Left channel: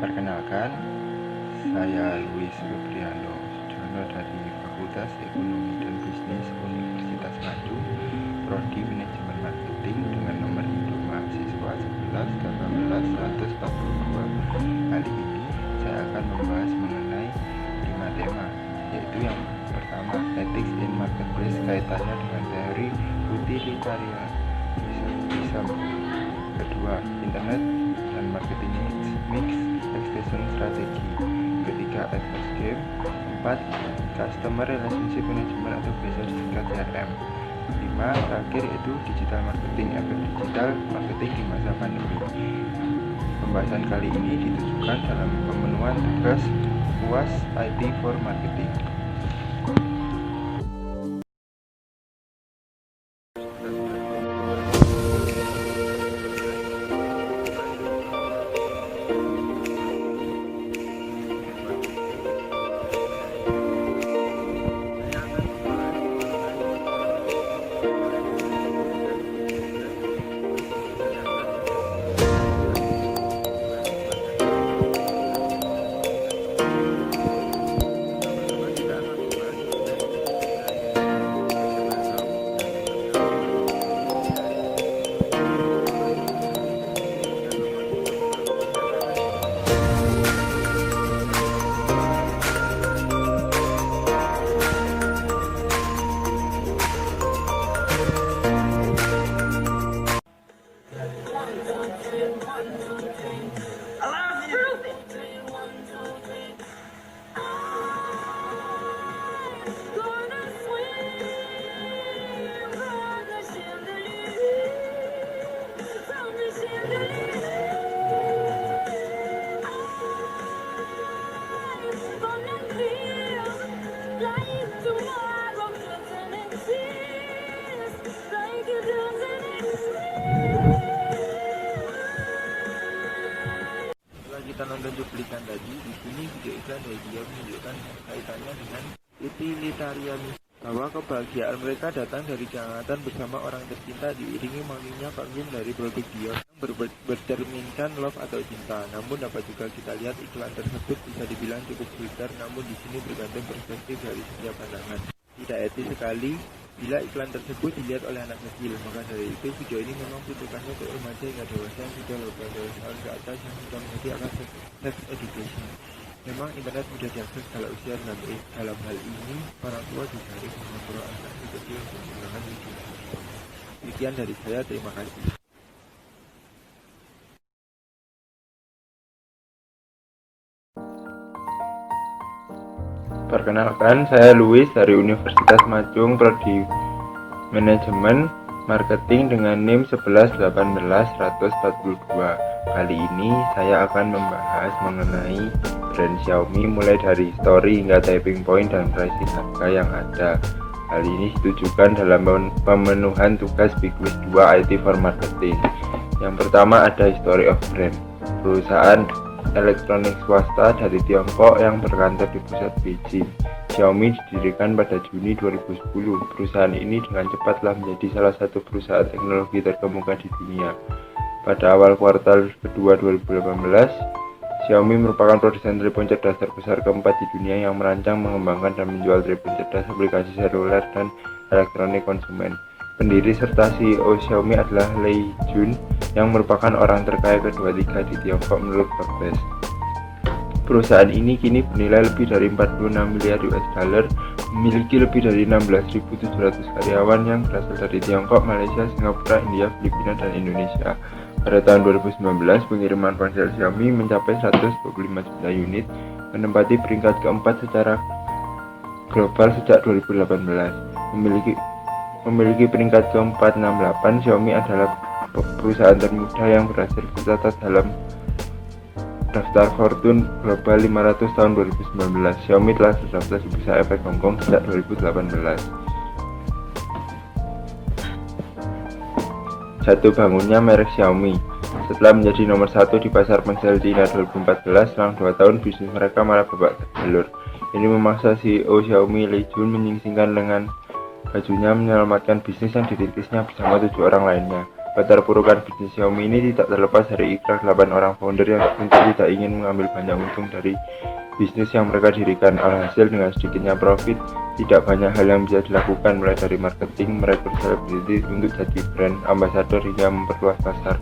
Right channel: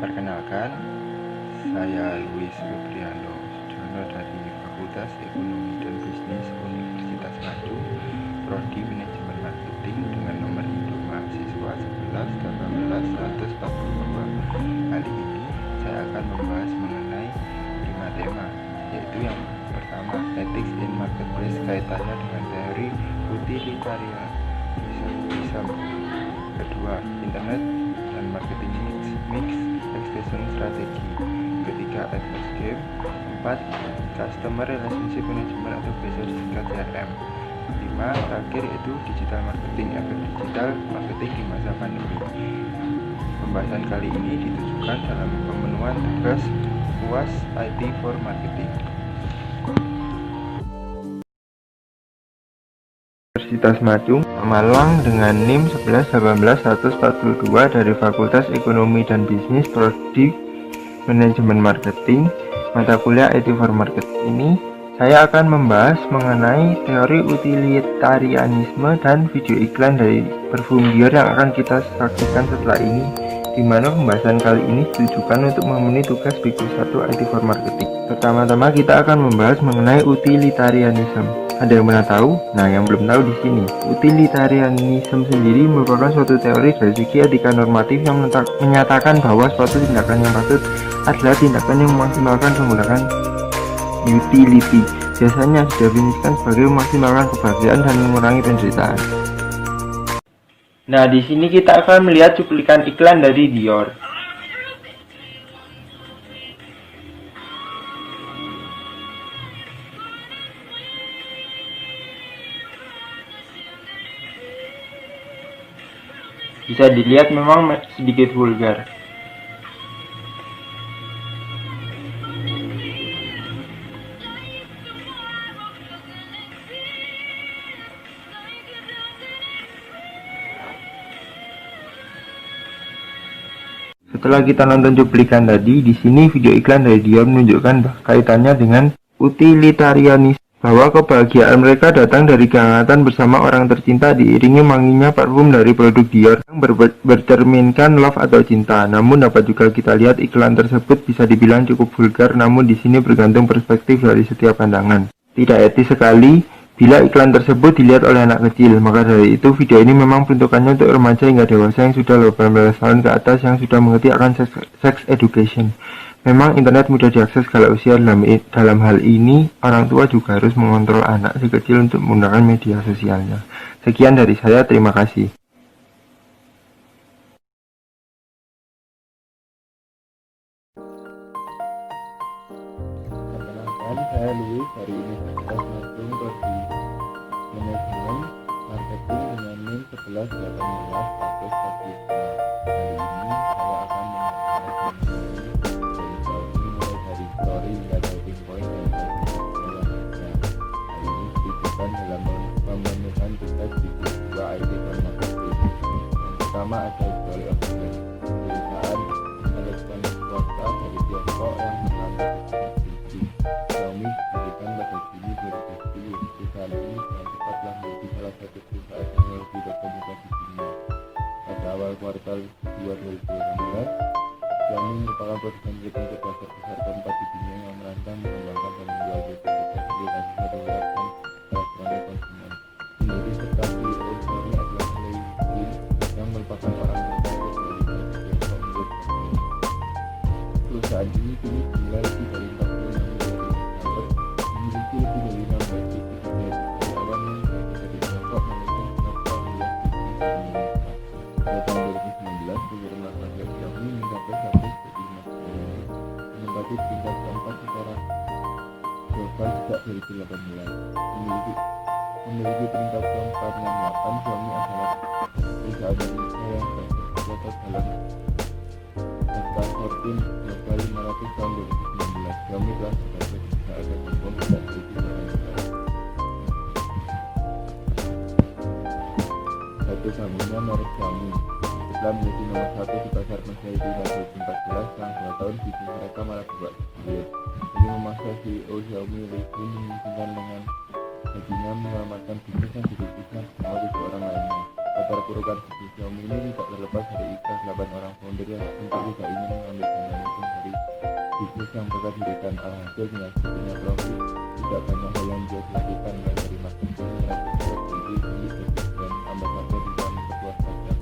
Perkenalkan, saya Luis Febriano Sujono dari Fakultas Ekonomi dan Bisnis Universitas Madu, Prodi Manajemen Marketing dengan nomor induk mahasiswa 11 18 142. Kali ini saya akan membahas mengenai 5 tema, yaitu yang pertama, Ethics in Marketplace kaitannya dengan teori utilitarianism. Kedua, Internet dan Marketing Mix Extension Strategy. Ketiga, Advanced Game. 4. Customer Relationship Management atau biasa disingkat CRM. 5. Terakhir yaitu Digital Marketing, efek digital marketing di masa pandemi. Pembahasan kali ini ditujukan dalam pemenuhan tugas UAS IT for Marketing. Universitas Madung, Malang dengan NIM 11 18 142 dari Fakultas Ekonomi dan Bisnis, Prodi Manajemen Marketing, mata kuliah IT for Marketing. Ini saya akan membahas mengenai teori utilitarianisme dan video iklan dari Perfum Dior yang akan kita saksikan setelah ini, di mana pembahasan kali ini ditujukan untuk memenuhi tugas Big 1 IT for Marketing. Pertama-tama kita akan membahas mengenai utilitarianisme. Ada yang pernah tahu? Nah, yang belum tahu di sini, utilitarianisme sendiri merupakan suatu teori dari segi etika normatif yang menyatakan bahwa suatu tindakan yang patut adalah tindakan yang memaksimalkan menggunakan utility. Biasanya didefinisikan sebagai memaksimalkan kebahagiaan dan mengurangi penderitaan. Nah, di sini kita akan melihat cuplikan iklan dari Dior. Bisa dilihat memang sedikit vulgar. Setelah kita nonton cuplikan tadi, di sini video iklan dari Dior menunjukkan kaitannya dengan utilitarianisme, bahwa kebahagiaan mereka datang dari kehangatan bersama orang tercinta diiringi wanginya parfum dari produk Dior yang bercerminkan love atau cinta. Namun dapat juga kita lihat iklan tersebut bisa dibilang cukup vulgar, namun di sini bergantung perspektif dari setiap pandangan. Tidak etis sekali bila iklan tersebut dilihat oleh anak kecil. Maka dari itu video ini memang peruntukannya untuk remaja hingga dewasa yang sudah 18 tahun ke atas yang sudah mengerti akan sex education. Memang internet mudah diakses segala usia. Dalam hal ini, orang tua juga harus mengontrol anak si kecil untuk menggunakan media sosialnya. Sekian dari saya, terima kasih. Perkenalkan, saya Luis dari Universitas Madung, Prodi Manajemen Marketing dengan NIM 11 18 142. Kali ini saya akan membahas mengenai brand Xiaomi mulai dari story hingga typing point dan pricing harga yang ada. Hal ini ditujukan dalam pemenuhan tugas Big 2 IT for Marketing. Yang pertama ada History of Brand, perusahaan elektronik swasta dari Tiongkok yang berkantor di pusat Beijing. Xiaomi didirikan pada Juni 2010. Perusahaan ini dengan cepat telah menjadi salah satu perusahaan teknologi terkemuka di dunia. Pada awal kuartal kedua 2018, Xiaomi merupakan produsen telepon cerdas terbesar keempat di dunia yang merancang, mengembangkan, dan menjual telepon cerdas, aplikasi seluler, dan elektronik konsumen. Pendiri serta CEO Xiaomi adalah Lei Jun, yang merupakan orang terkaya kedua-tiga di Tiongkok menurut Forbes. Perusahaan ini kini bernilai lebih dari 46 miliar US dollar, memiliki lebih dari 16.700 karyawan yang berasal dari Tiongkok, Malaysia, Singapura, India, Filipina, dan Indonesia. Pada tahun 2019, pengiriman ponsel Xiaomi mencapai 125 juta unit, menempati peringkat keempat secara global sejak 2018. Memiliki peringkat ke-468, Xiaomi adalah perusahaan termuda yang berhasil tercatat dalam daftar Fortune Global 500 tahun 2019. Xiaomi telah terdaftar di Bursa Efek Hong Kong sejak 2018. Jatuh bangunnya merek Xiaomi. Setelah menjadi nomor 1 di pasar ponsel Cina 2014, selang 2 tahun bisnis mereka malah babak belur. Ini memaksa CEO Xiaomi Lei Jun menyingsingkan dengan bajunya menyelamatkan bisnis yang dirintisnya bersama 7 orang lainnya. Keterpurukan bisnis Xiaomi ini tidak terlepas dari ikhlas 8 orang founder yang tentu tidak ingin mengambil banyak untung dari bisnis yang mereka dirikan. Alhasil dengan sedikitnya profit, tidak banyak hal yang bisa dilakukan, mulai dari marketing, merekrut selebriti untuk jadi brand ambassador hingga memperluas pasar.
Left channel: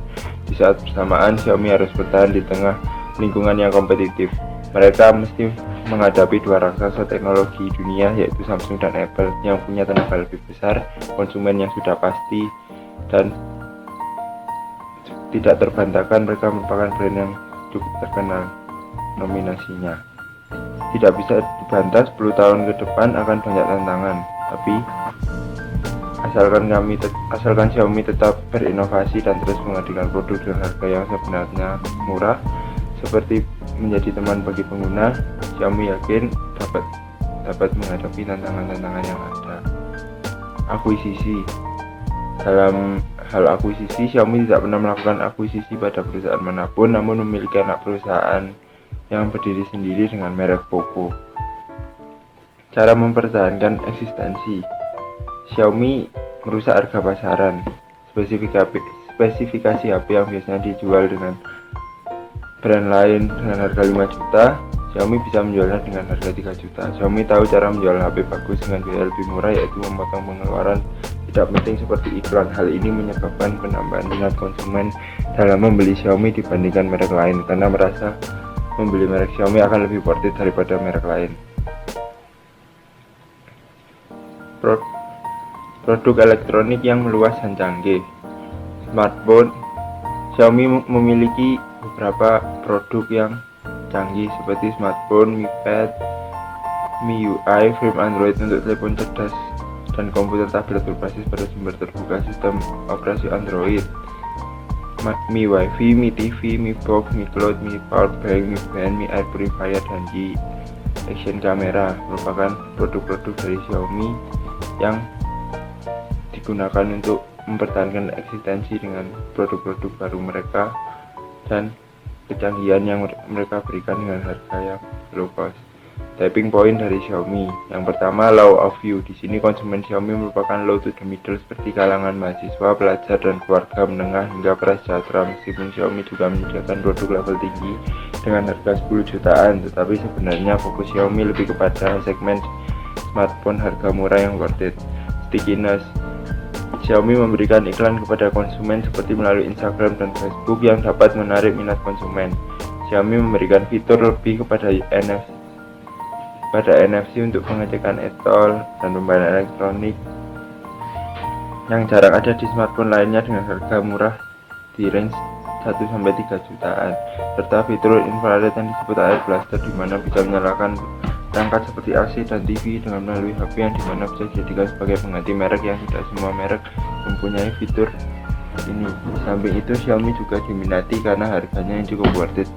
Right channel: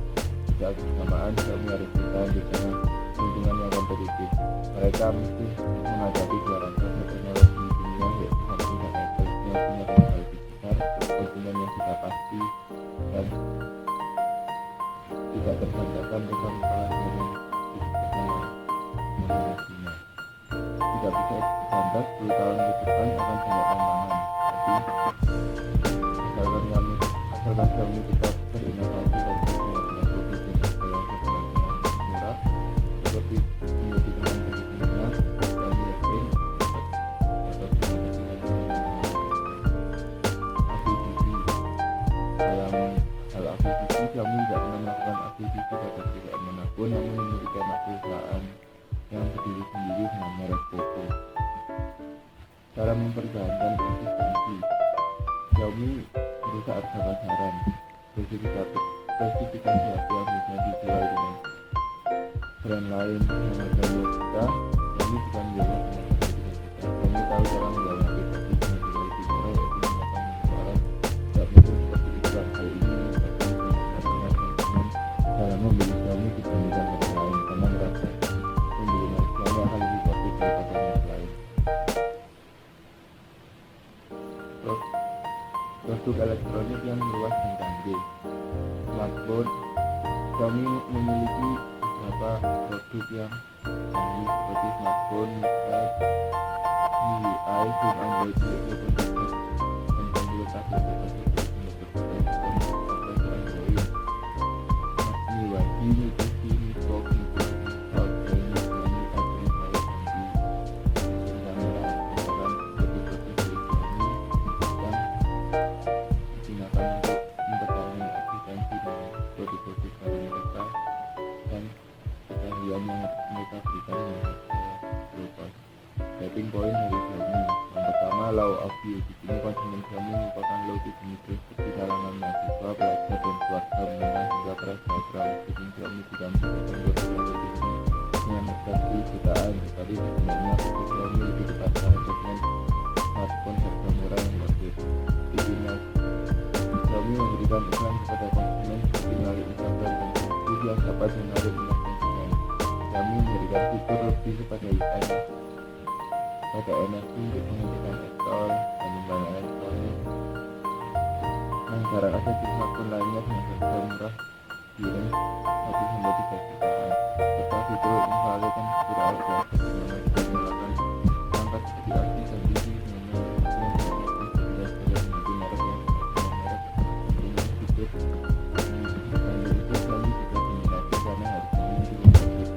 Di saat bersamaan, Xiaomi harus bertahan di tengah lingkungan yang kompetitif. Mereka mesti menghadapi dua raksasa teknologi dunia, yaitu Samsung dan Apple, yang punya tenaga lebih besar, konsumen yang sudah pasti, dan tidak terbantahkan mereka merupakan brand yang cukup terkenal. Nominasinya tidak bisa dibantah, 10 tahun ke depan akan banyak tantangan, tapi asalkan Xiaomi tetap berinovasi dan terus menghadirkan produk dengan harga yang sebenarnya murah, seperti menjadi teman bagi pengguna, Xiaomi yakin dapat menghadapi tantangan-tantangan yang ada. Akuisisi. Dalam hal akuisisi, Xiaomi tidak pernah melakukan akuisisi pada perusahaan manapun, namun memiliki anak perusahaan yang berdiri sendiri dengan merek Poco. Cara mempertahankan eksistensi. Xiaomi merusak harga pasaran. Spesifikasi HP yang biasanya dijual dengan brand lain dengan harga 5 juta, Xiaomi bisa menjualnya dengan harga 3 juta. Xiaomi tahu cara menjual HP bagus dengan biaya lebih murah, yaitu memotong pengeluaran tidak penting seperti iklan. Hal ini menyebabkan penambahan minat konsumen dalam membeli Xiaomi dibandingkan merek lain, karena merasa membeli merek Xiaomi akan lebih worth it daripada merek lain. Produk elektronik yang meluas dan canggih. Smartphone. Xiaomi memiliki beberapa produk yang canggih seperti smartphone, Mi Pad, MIUI, frame Android untuk telepon cerdas, dan komputer tablet berbasis pada sumber terbuka sistem operasi Android, Mi Wifi, Mi TV, Mi Box, Mi Cloud, Mi Powerbank, Mi Band, Mi Air Purifier, dan Mi Action Camera merupakan produk-produk dari Xiaomi yang digunakan untuk mempertahankan eksistensi dengan produk-produk baru mereka dan kecanggihan yang mereka berikan dengan harga yang low cost. Tipping point dari Xiaomi. Yang pertama, low of view. Di sini konsumen Xiaomi merupakan low to the middle, seperti kalangan mahasiswa, pelajar, dan keluarga menengah hingga prasejahtera. Meskipun Xiaomi juga menyediakan produk level tinggi dengan harga 10 jutaan, tetapi sebenarnya fokus Xiaomi lebih kepada segmen smartphone harga murah yang worth it. Stickiness. Xiaomi memberikan iklan kepada konsumen seperti melalui Instagram dan Facebook yang dapat menarik minat konsumen. Xiaomi memberikan fitur lebih kepada NFC untuk pengecekan e-tol dan pembayaran elektronik yang jarang ada di smartphone lainnya dengan harga murah di range 1-3 jutaan, serta fitur infrared yang disebut Air Blaster, di mana bisa menyalakan perangkat seperti AC dan TV dengan melalui HP, yang dimana bisa dijadikan sebagai pengganti merek yang tidak semua merek mempunyai fitur ini. Di samping itu, Xiaomi juga diminati karena harganya yang cukup worth it.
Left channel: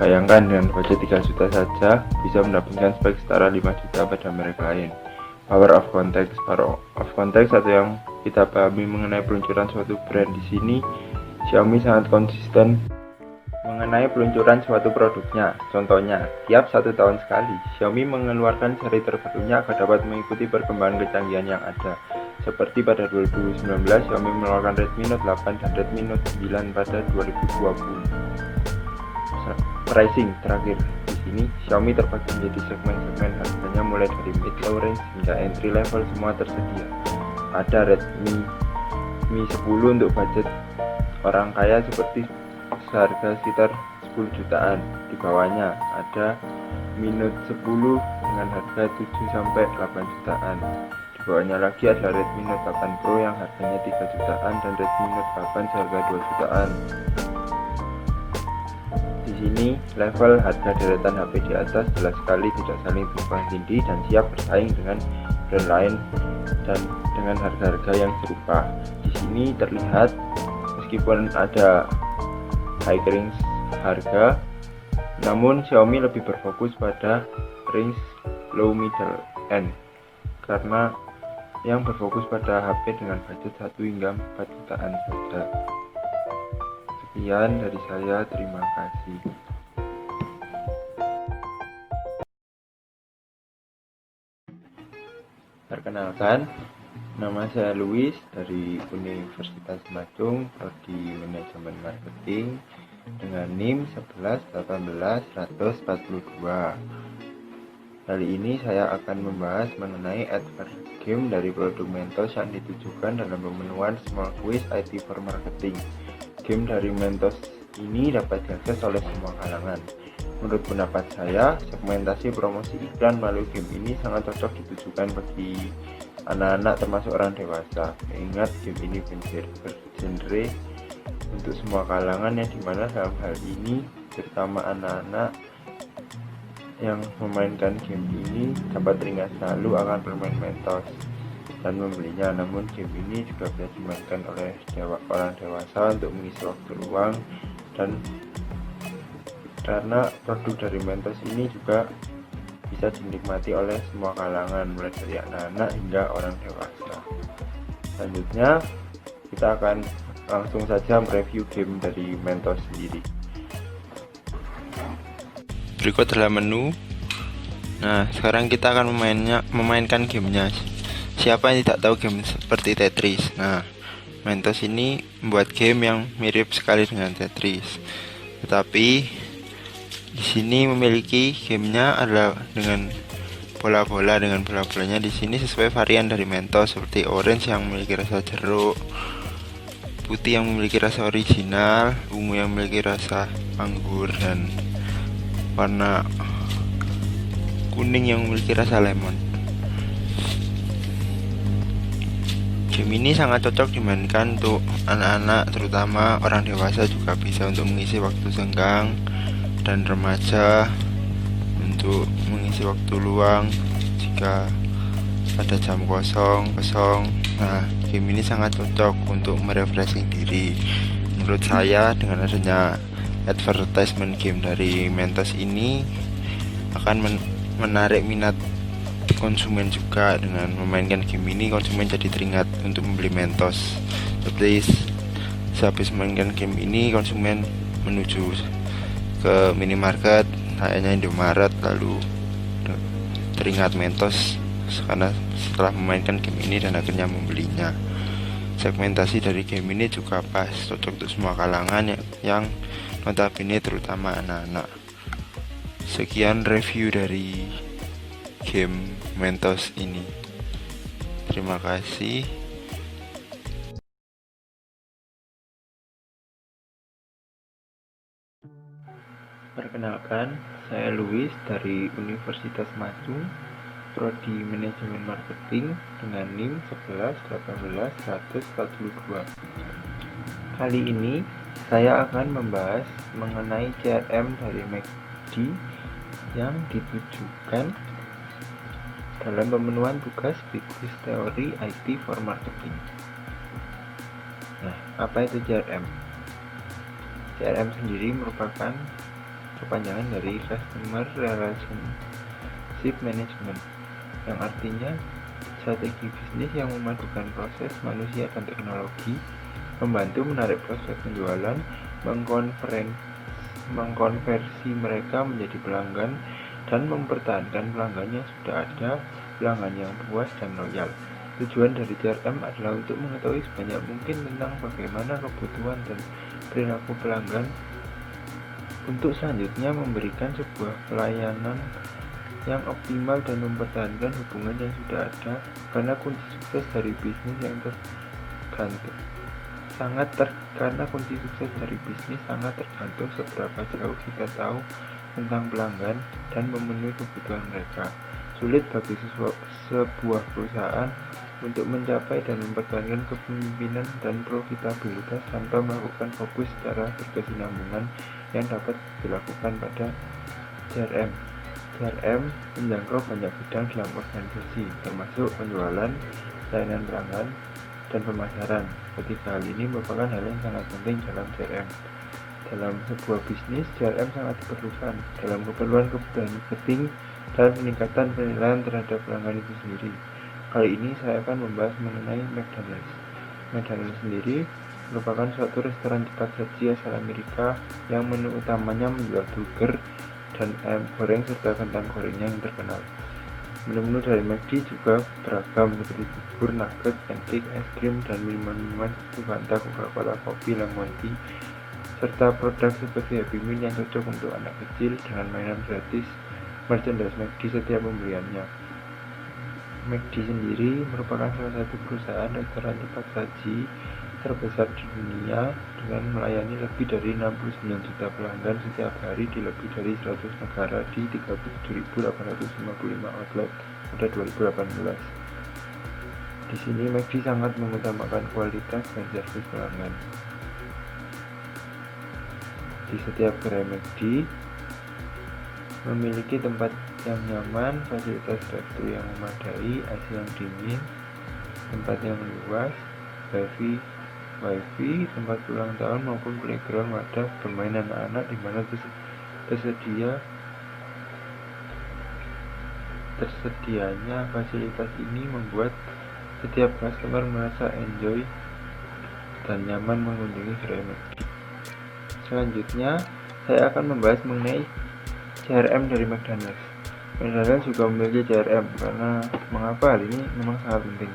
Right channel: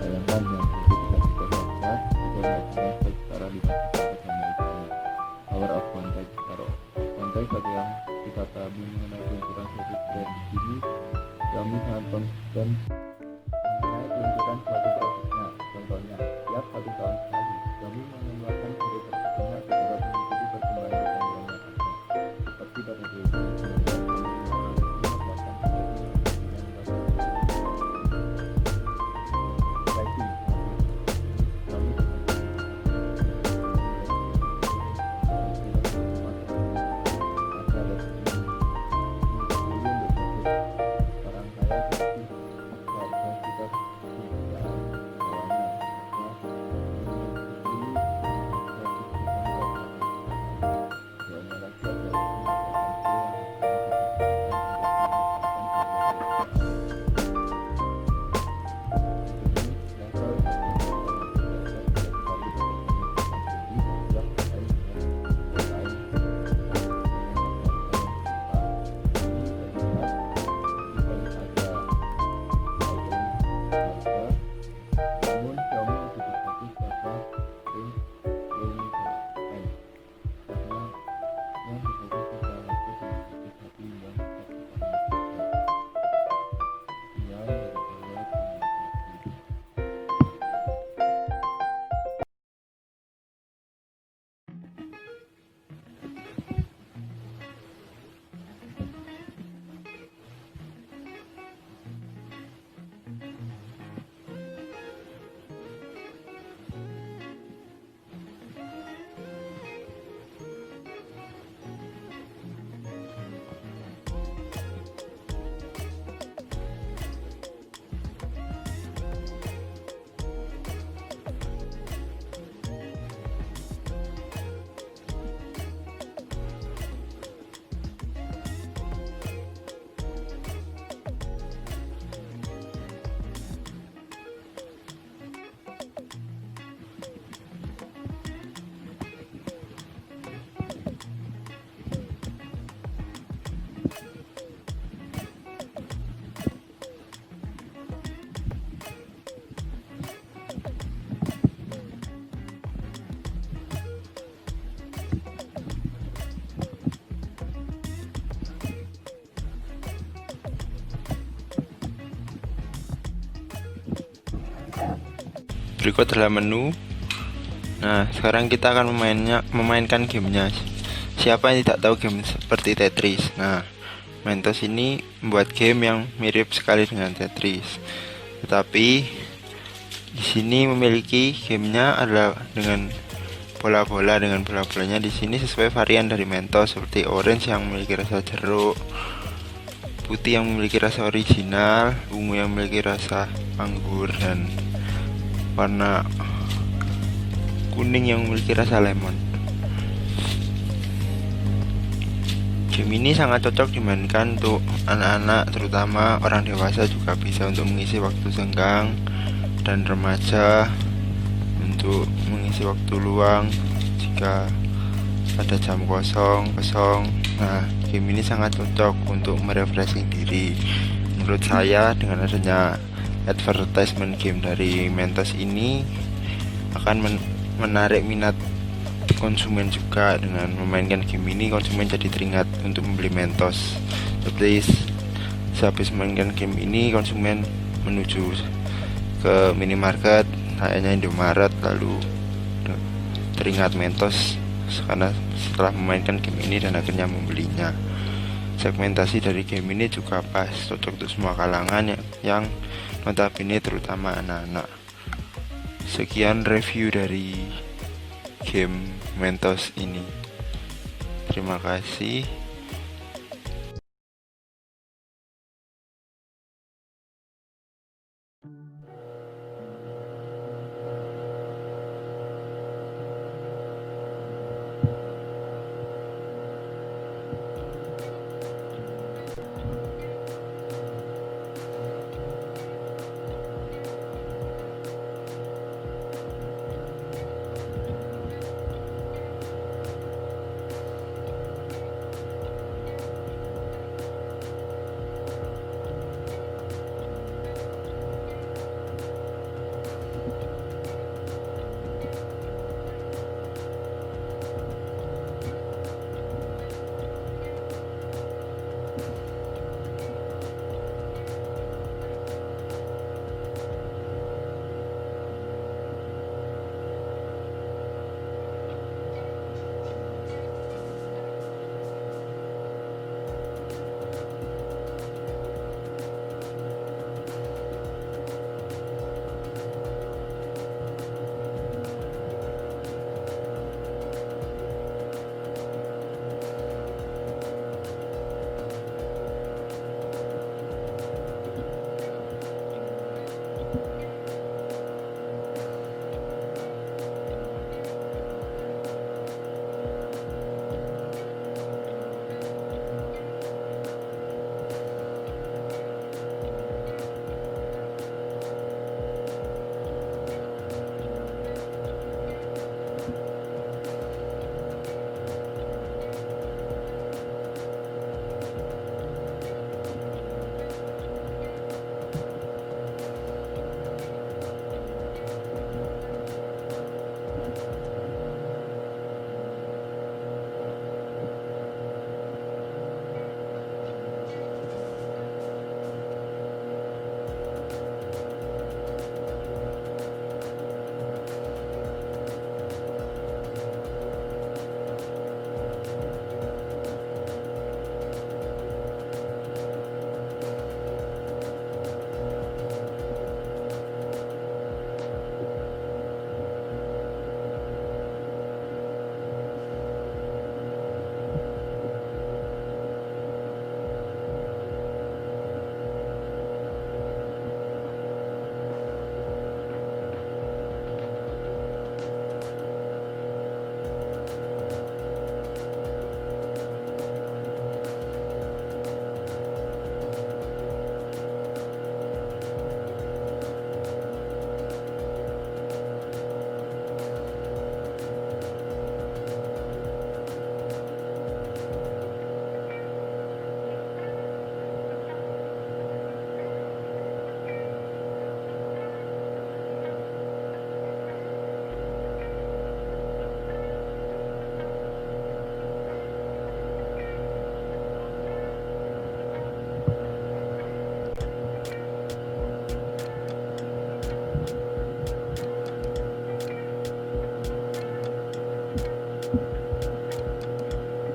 Bayangkan dengan budget 3 juta saja bisa mendapatkan spek setara 5 juta pada merek lain. Power of context. Power of context atau yang kita pahami mengenai peluncuran suatu brand. Di sini Xiaomi sangat konsisten mengenai peluncuran suatu produknya. Contohnya, tiap 1 tahun sekali Xiaomi mengeluarkan seri terbarunya agar dapat mengikuti perkembangan kecanggihan yang ada. Seperti pada 2019, Xiaomi mengeluarkan Redmi Note 8 dan Redmi Note 9 pada 2020. Pricing terakhir. Di sini Xiaomi terbagi menjadi segmen-segmen harganya mulai dari mid low range hingga entry level, semua tersedia. Ada Redmi Mi 10 untuk budget orang kaya seperti seharga sekitar 10 jutaan. Di bawahnya ada Mi Note 10 dengan harga 7-8 jutaan. Di bawahnya lagi ada Redmi Note 8 Pro yang harganya 3 jutaan dan Redmi Note 8 seharga 2 jutaan. Di sini level harga deretan HP di atas jelas sekali tidak saling tumpang tindih dan siap bersaing dengan brand lain dan dengan harga-harga yang serupa. Di sini terlihat meskipun ada high range harga, namun Xiaomi lebih berfokus pada range low middle end karena yang berfokus pada HP dengan budget 1-4 jutaan saja. Sekian dari saya, terima kasih. Perkenalkan, Nama saya Luis dari Universitas Madung, Prodi Manajemen Marketing dengan NIM 11181142. Kali ini saya akan membahas mengenai advert game dari produk Mentos yang ditujukan dalam pemenuhan small quiz IT for marketing. Game dari Mentos ini dapat diakses oleh semua kalangan. Menurut pendapat saya, segmentasi promosi iklan melalui game ini sangat cocok ditujukan bagi anak-anak termasuk orang dewasa. Ingat, game ini bergenre untuk semua kalangan, yang dimana dalam hal ini terutama anak-anak yang memainkan game ini dapat teringat selalu akan bermain Mentos dan membelinya. Namun game ini juga bisa dimainkan oleh orang dewasa untuk mengisi waktu luang, dan karena produk dari Mentos ini juga bisa dinikmati oleh semua kalangan, mulai dari anak-anak hingga orang dewasa. Selanjutnya kita akan langsung saja mereview game dari Mentos sendiri. Berikut adalah menu. Nah, sekarang kita akan memainkan gamenya. Siapa yang tidak tahu game seperti Tetris? Nah, Mentos ini membuat game yang mirip sekali dengan Tetris, tetapi di sini memiliki gamenya adalah dengan bola-bola. Dengan bola-bolanya di sini sesuai varian dari Mentos, seperti orange yang memiliki rasa jeruk, putih yang memiliki rasa original, ungu yang memiliki rasa anggur, dan warna kuning yang memiliki rasa lemon. Game ini sangat cocok dimainkan untuk anak-anak, terutama orang dewasa juga bisa untuk mengisi waktu senggang, dan remaja untuk mengisi waktu luang jika ada jam kosong. Nah, game ini sangat cocok untuk merefreshing diri. Menurut saya, dengan adanya advertisement game dari Mentos ini akan menarik minat konsumen juga. Dengan memainkan game ini, konsumen jadi teringat untuk membeli Mentos. Seperti sehabis memainkan game ini, konsumen menuju ke minimarket, kayaknya Indomaret, lalu teringat Mentos karena setelah memainkan game ini dan akhirnya membelinya. Segmentasi dari game ini juga pas, cocok untuk semua kalangan yang notabene terutama anak-anak. Sekian review dari game Mentos ini. Terima kasih. Perkenalkan, saya Luis dari Universitas Madung, Prodi Manajemen Marketing dengan NIM 11181142. Kali ini saya akan membahas mengenai CRM dari McD yang ditujukan dalam pemenuhan tugas bisnis teori IT for marketing. Nah, apa itu CRM? CRM sendiri merupakan kepanjangan dari Customer Relationship Management, yang artinya strategi bisnis yang memadukan proses manusia dan teknologi, membantu menarik prospek penjualan, mengkonversi mereka menjadi pelanggan, dan mempertahankan pelanggan yang sudah ada, pelanggan yang puas dan loyal. Tujuan dari CRM adalah untuk mengetahui sebanyak mungkin tentang bagaimana kebutuhan dan perilaku pelanggan, untuk selanjutnya memberikan sebuah pelayanan yang optimal dan mempertahankan hubungan yang sudah ada, karena kunci sukses dari bisnis sangat tergantung seberapa jauh kita tahu tentang pelanggan dan memenuhi kebutuhan mereka. Sulit bagi sebuah perusahaan untuk mencapai dan mempertahankan kepemimpinan dan profitabilitas tanpa melakukan fokus secara berkesinambungan yang dapat dilakukan pada CRM. CRM menjangkau banyak bidang dalam organisasi, termasuk penjualan, layanan pelanggan, dan pemasaran. Ketiga hal ini merupakan hal yang sangat penting dalam CRM. Dalam sebuah bisnis, CRM sangat diperlukan dalam keperluan kebutuhan marketing dan peningkatan penilaian terhadap pelanggan itu sendiri. Kali ini saya akan membahas mengenai McDonald's. McDonald's sendiri merupakan suatu restoran cepat saji asal Amerika yang menu utamanya menjual burger dan ayam goreng serta kentang gorengnya yang terkenal. Menu dari McD juga beragam, seperti bubur, nugget, pancake, es krim, dan minuman-minuman seperti Fanta, Coca-Cola, kopi, lemon tea, serta produk seperti Happy Meal yang cocok untuk anak kecil dengan mainan gratis merchandise McD setiap pembeliannya. McD sendiri merupakan salah satu perusahaan restoran cepat saji terbesar di dunia dengan melayani lebih dari 69 juta pelanggan setiap hari di lebih dari 100 negara di 37.855 outlet pada 2018. Di sini McD sangat mengutamakan kualitas dan servis pelanggan. Di setiap gerai McD memiliki tempat yang nyaman, fasilitas dapur yang memadai, AC yang dingin, tempat yang luas, wifi, tempat ulang tahun maupun playground wadah bermain anak-anak di mana tersedianya fasilitas ini membuat setiap customer merasa enjoy dan nyaman mengunjungi gerai McD. Selanjutnya, saya akan membahas mengenai CRM dari McDonald's. McDonald's juga memiliki CRM karena mengapa hal ini memang sangat penting.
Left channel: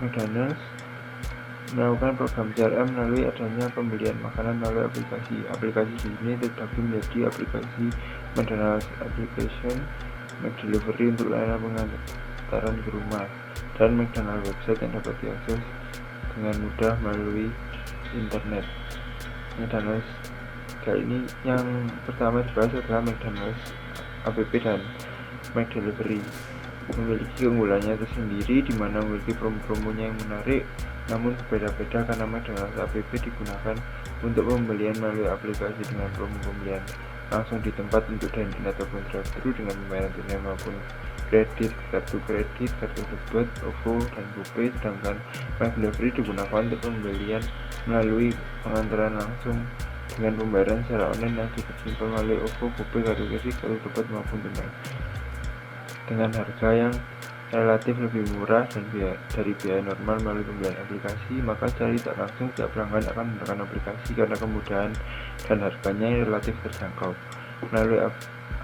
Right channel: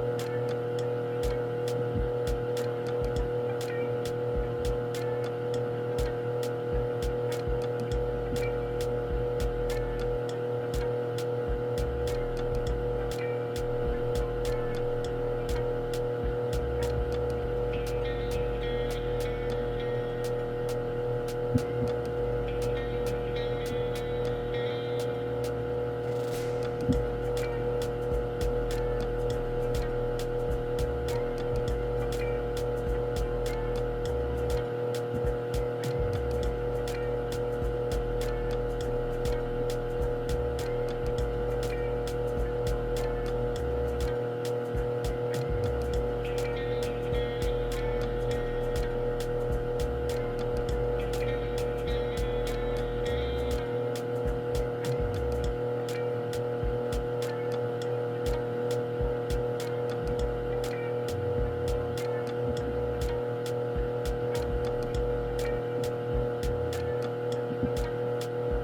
McDonald's melakukan program CRM melalui adanya pembelian makanan melalui aplikasi. Aplikasi ini terbagi menjadi aplikasi McDonald's Application, McDelivery untuk layanan pengantaran ke rumah, dan McDonald's website yang dapat diakses dengan mudah melalui internet. McDonald's kali ini yang pertama dibahas adalah McDonald's App dan McDelivery. Memiliki keunggulannya tersendiri di mana memiliki promo-promonya yang menarik, namun berbeda-beda karena McDonald's App digunakan untuk pembelian melalui aplikasi dengan promo pembelian langsung di tempat untuk dan ataupun drive-thru dengan pembayaran tunai maupun kredit, kartu kredit, kartu debit, OVO, dan GoPay. Sedangkan McDelivery digunakan untuk pembelian melalui pengantaran langsung dengan pembayaran secara online yang disimpan melalui OVO, GoPay, kartu kredit, kartu debit maupun tunai dengan harga yang relatif lebih murah dan dari biaya normal melalui pembelian aplikasi. Maka secara tidak langsung setiap pelanggan akan menggunakan aplikasi karena kemudahan dan harganya yang relatif terjangkau. Melalui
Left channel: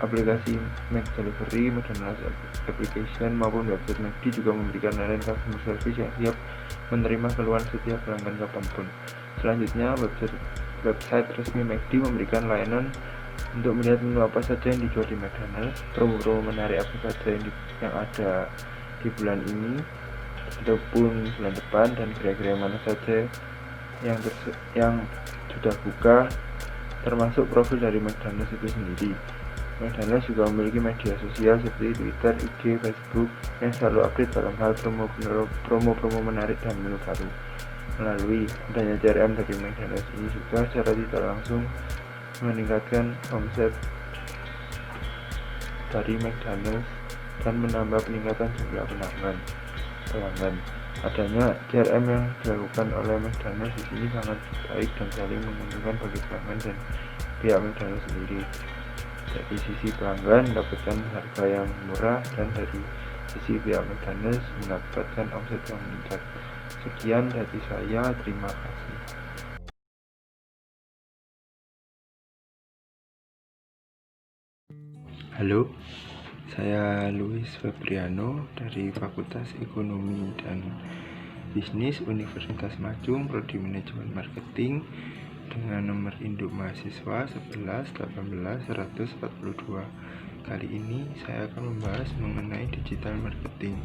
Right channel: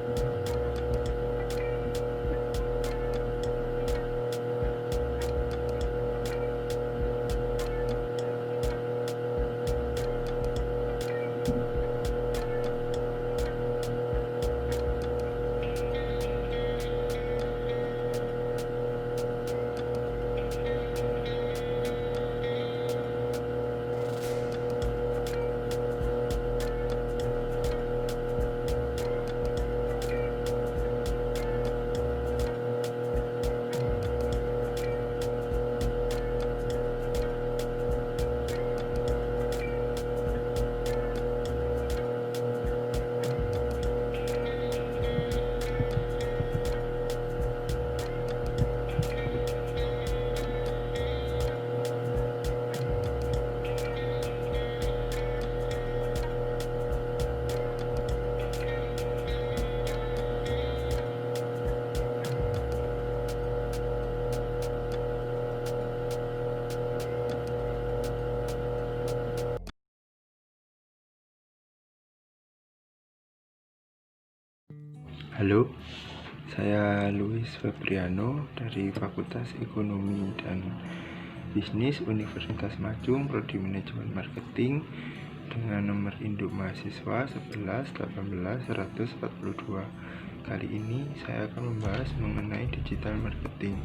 aplikasi McDelivery, McDonald's Application maupun website McD juga memberikan layanan customer service yang siap menerima keluhan setiap pelanggan kapanpun. Selanjutnya, website resmi McD memberikan layanan untuk melihat menu apa saja yang dijual di McDonald's, promo-promo menarik apa saja yang ada di bulan ini ataupun bulan depan, dan kira-kira mana saja yang sudah buka, termasuk profil dari McDonald's itu sendiri. McDonald's juga memiliki media sosial seperti Twitter, IG, Facebook yang selalu update dalam hal promo-promo menarik dan menu baru. Melalui adanya CRM dari McDonald's ini juga secara tidak langsung meningkatkan omset dari McDonald's dan menambah peningkatan jumlah pelanggan. Adanya CRM yang dilakukan oleh McDonald's di sini sangat baik dan saling menguntungkan bagi pelanggan dan pihak McDonald's sendiri. Dari sisi pelanggan mendapatkan harga yang murah dan dari sisi pihak McDonald's mendapatkan omset yang meningkat. Sekian dari saya, terima kasih. Halo, saya Luis Febriano dari Fakultas Ekonomi dan Bisnis Universitas Majung, Prodi Manajemen Marketing, dengan nomor induk mahasiswa 11 18 142. Kali ini saya akan membahas mengenai digital marketing.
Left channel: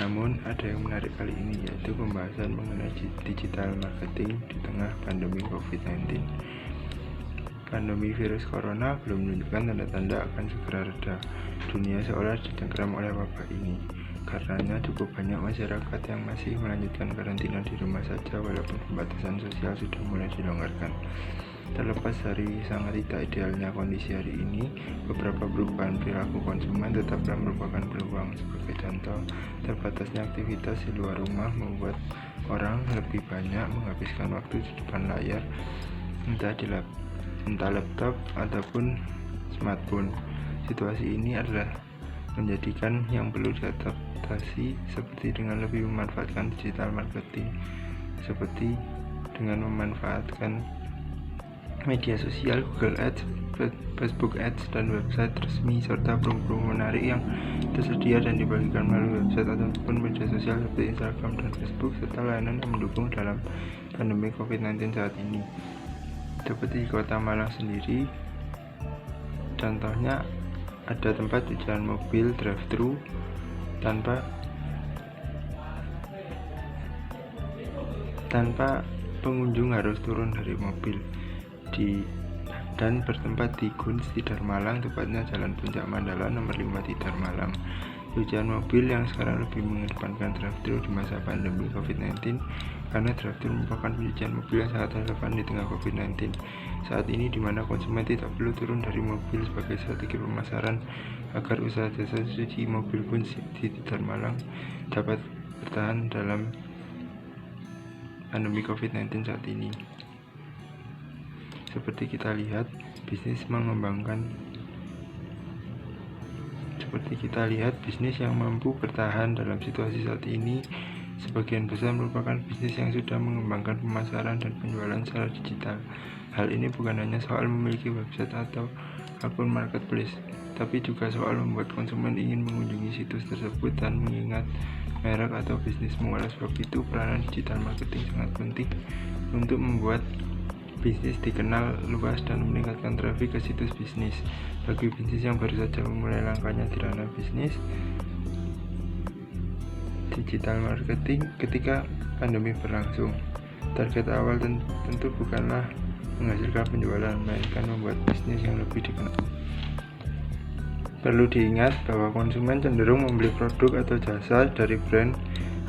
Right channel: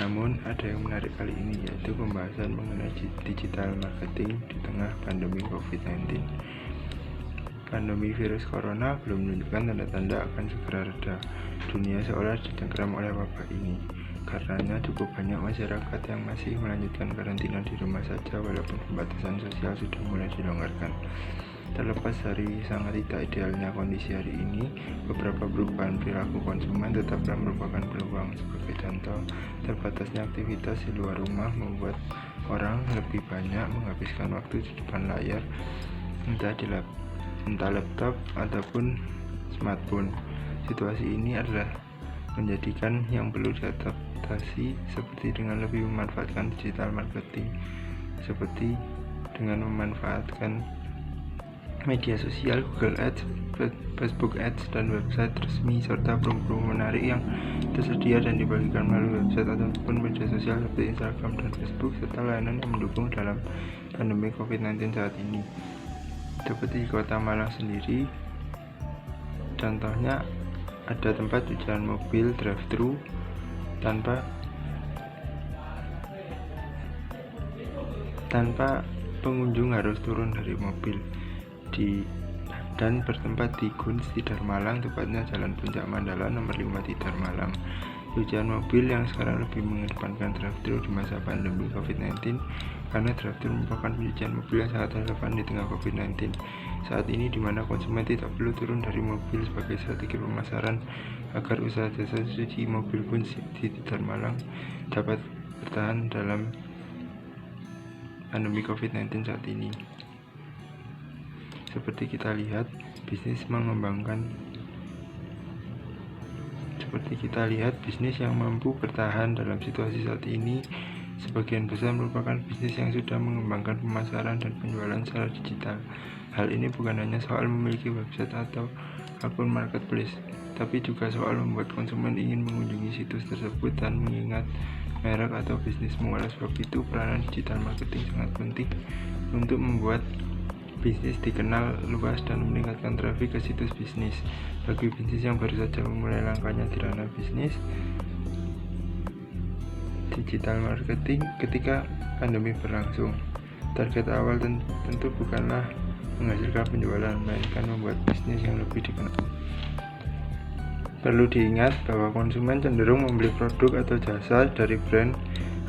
Namun ada yang menarik kali ini, yaitu pembahasan mengenai digital marketing di tengah pandemi COVID-19. Pandemi virus corona belum menunjukkan tanda-tanda akan segera reda. Dunia seolah didengkram oleh wabah ini. Karenanya cukup banyak masyarakat yang masih melanjutkan karantina di rumah saja walaupun pembatasan sosial sudah mulai dilonggarkan. Terlepas dari sangat tidak idealnya kondisi hari ini, beberapa perubahan perilaku konsumen tetaplah merupakan peluang. Sebagai contoh, terbatasnya aktivitas di luar rumah membuat orang lebih banyak menghabiskan waktu di depan layar, entah laptop ataupun smartphone. Situasi ini adalah menjadikan yang perlu diadaptasi, seperti dengan lebih memanfaatkan digital marketing, seperti dengan memanfaatkan media sosial, Google Ads, Facebook Ads, dan website resmi, serta promo-promo menarik yang tersedia dan dibagikan melalui website ataupun media sosial seperti Instagram dan Facebook, serta layanan yang mendukung dalam pandemi COVID-19 saat ini. Seperti di Kota Malang sendiri, contohnya ada tempat cucian mobil drive-thru tanpa pengunjung harus turun dari mobil dan bertempat di Guns Tidar Malang, tepatnya Jalan Puncak Mandala nomor 5 Tidar Malang. Cucian mobil yang sekarang lebih mengedepankan drive-thru di masa pandemi COVID-19 karena drive-thru merupakan pencucian mobil yang sangat relevan di tengah COVID-19 saat ini, di mana konsumen tidak perlu turun dari mobil sebagai strategi pemasaran agar usaha jasa cuci mobil Guns di Tidar Malang dapat bertahan dalam pandemi COVID-19 saat ini. Seperti kita lihat, bisnis yang mampu bertahan dalam situasi saat ini sebagian besar merupakan bisnis yang sudah mengembangkan pemasaran dan penjualan secara digital. Hal ini bukan hanya soal memiliki website atau akun marketplace, tapi juga soal membuat konsumen ingin mengunjungi situs tersebut dan mengingat merek atau bisnismu. Oleh sebab itu, peranan digital marketing sangat penting untuk membuat bisnis dikenal luas dan meningkatkan trafik ke situs bisnis. Bagi bisnis yang baru saja memulai langkahnya di ranah bisnis digital marketing ketika pandemi berlangsung, target awal tentu bukanlah menghasilkan penjualan, melainkan membuat bisnis yang lebih dikenal. Perlu diingat bahwa konsumen cenderung membeli produk atau jasa dari brand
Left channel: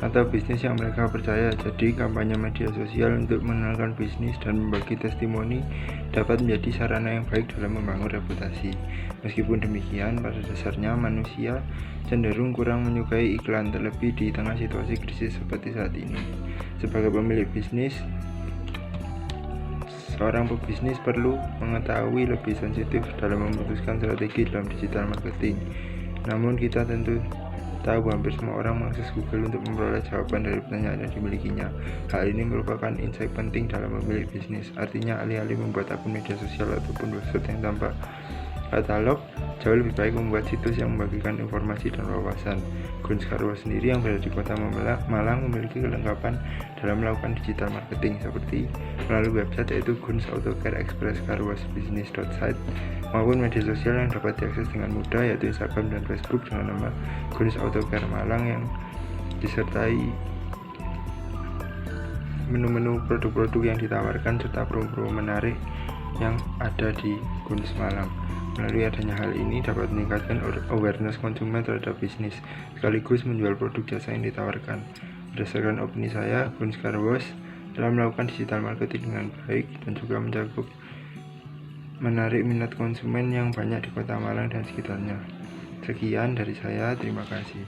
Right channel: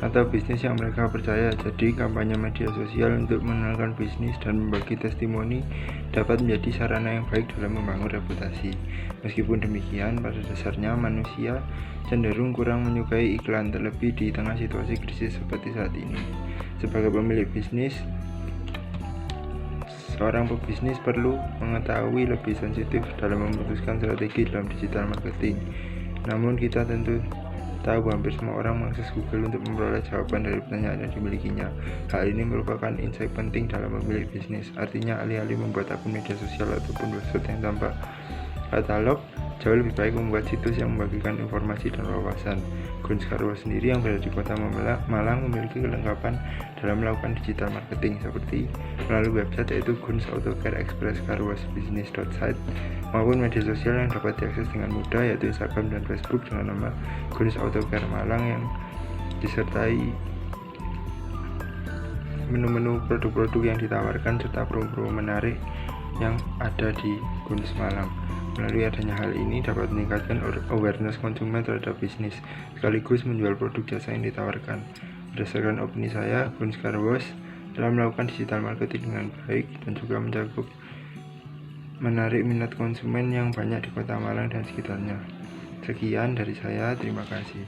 atau bisnis yang mereka percaya. Jadi, kampanye media sosial untuk mengenalkan bisnis dan membagi testimoni dapat menjadi sarana yang baik dalam membangun reputasi. Meskipun demikian, pada dasarnya manusia cenderung kurang menyukai iklan, terlebih di tengah situasi krisis seperti saat ini. Sebagai pemilik bisnis, seorang pebisnis perlu mengetahui lebih sensitif dalam memutuskan strategi dalam digital marketing. Namun kita tentu tahu hampir semua orang mengakses Google untuk memperoleh jawaban dari pertanyaan yang dimilikinya. Hal ini merupakan insight penting dalam memilih bisnis. Artinya, alih-alih membuat akun media sosial ataupun website yang tanpa katalog, jauh lebih baik membuat situs yang membagikan informasi dan wawasan. Guns Car Wash sendiri yang berada di Kota Malang memiliki kelengkapan dalam melakukan digital marketing seperti melalui website yaitu Guns Auto Care Express Car Wash Business.site maupun media sosial yang dapat diakses dengan mudah yaitu Instagram dan Facebook dengan nama Guns Auto Care Malang, yang disertai menu-menu produk-produk yang ditawarkan serta promo-promo menarik yang ada di Guns Malang. Melalui adanya hal ini dapat meningkatkan awareness konsumen terhadap bisnis, sekaligus menjual produk jasa yang ditawarkan. Berdasarkan opini saya, Guns Car Wash telah melakukan digital marketing dengan baik dan juga mencakup menarik minat konsumen yang banyak di Kota Malang dan sekitarnya. Sekian dari saya, terima kasih.